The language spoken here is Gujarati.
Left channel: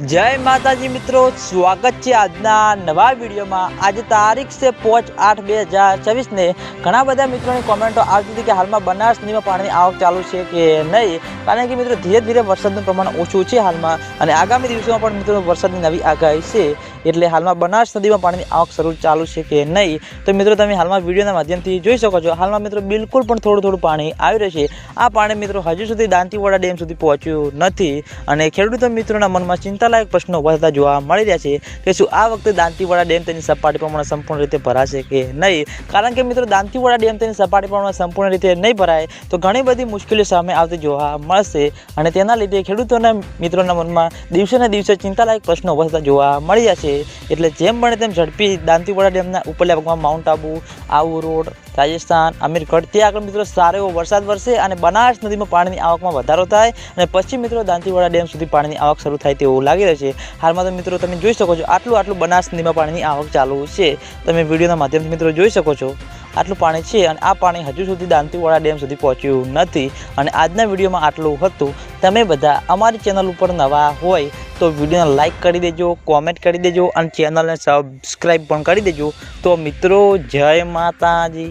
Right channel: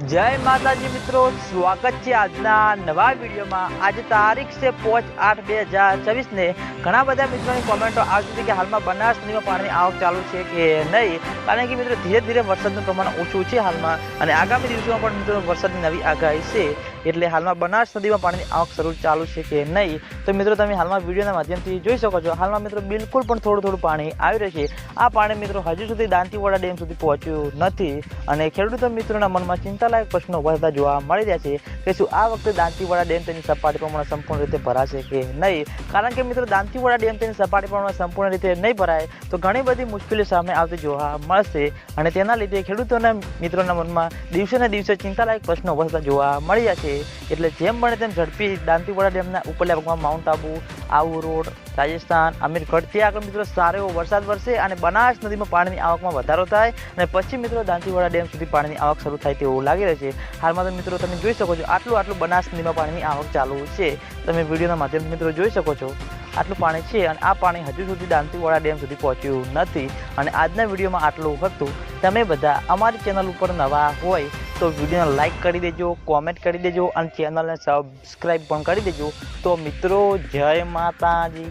जय माताजी मित्रों, स्वागत है आजना नवा वीडियो में। आज तारीख से 5/8/2024 ने घना बधा मित्रों की कॉमेंटो आवती थी कि हाल में बनास नदी में पानी की आवक चालू है कि नहीं, कारण कि मित्रों धीरे धीरे वरसादનું प्रमाण ओछું છે हाल में और आगामी दिवसों में मित्रों वरसादની नवी आगाही है, એટલે हाल में बनास नदी में पानी की आवक शरू चालू है कि नहीं। तो मित्रों તમે हाल में वीडियो माध्यम थी જોઈ શકો છો, हाल में मित्रों बिल्कुल पण थोड़ું थोड़ું पानी આવી રહ્યું છે। આ પાણી मित्रों हजू सुधी दांतीवाड़ा डेम सुधी पहोंच्યું નથી અને ખેડૂતો મિત્રોના મનમાં चिंतालायक प्रश्नों बढ़ता જોવા મળી રહ્યા છે કે શું આ વખતે દાંતીવાડા ડેમ તેની સપાટી પ્રમાણે સંપૂર્ણ રીતે ભરાશે કે નહીં। કારણ કે મિત્રો દાંતીવાડા ડેમ તેની સપાટી પ્રમાણે સંપૂર્ણ રીતે નહીં ભરાય તો ઘણી બધી મુશ્કેલીઓ સામે આવતી જોવા મળશે અને તેના લીધે ખેડૂતોના મિત્રોના મનમાં દિવસે ને દિવસે ચિંતાલાયક પ્રશ્નો વધતા જોવા મળી રહ્યા છે। એટલે જેમ બને તેમ ઝડપી દાંતીવાડા ડેમના ઉપરલા ભાગમાં માઉન્ટ આબુ, આબુ રોડ, રાજસ્થાન, અમીરગઢ ત્યાં આગળ મિત્રો સારો એવો વરસાદ વરસે અને બનાસ નદીમાં પાણીની આવકમાં વધારો થાય અને પછી મિત્રો દાંતીવાડા ડેમ સુધી પાણીની આવક શરૂ થાય તેવું લાગી રહ્યું છે। हाल में तो मित्रों તમે જોઈ શકો છો આટલું બનાસ નદીમાં પાણીની આવક ચાલુ છે। તમે વિડીયોના માધ્યમથી મિત્રો જોઈ શકો છો આટલું પાણી છે અને આ પાણી હજુ સુધી દાંતીવાડા ડેમ સુધી પહોંચ્યું નથી અને આજના વિડીયોમાં આટલું હતું। તમે બધા અમારી ચેનલ ઉપર નવા હોય તો વિડીયોને લાઈક કરી દેજો, કોમેન્ટ કરી દેજો અને ચેનલને સબસ્ક્રાઈબ પણ કરી દેજો। તો મિત્રો જય માતાજી।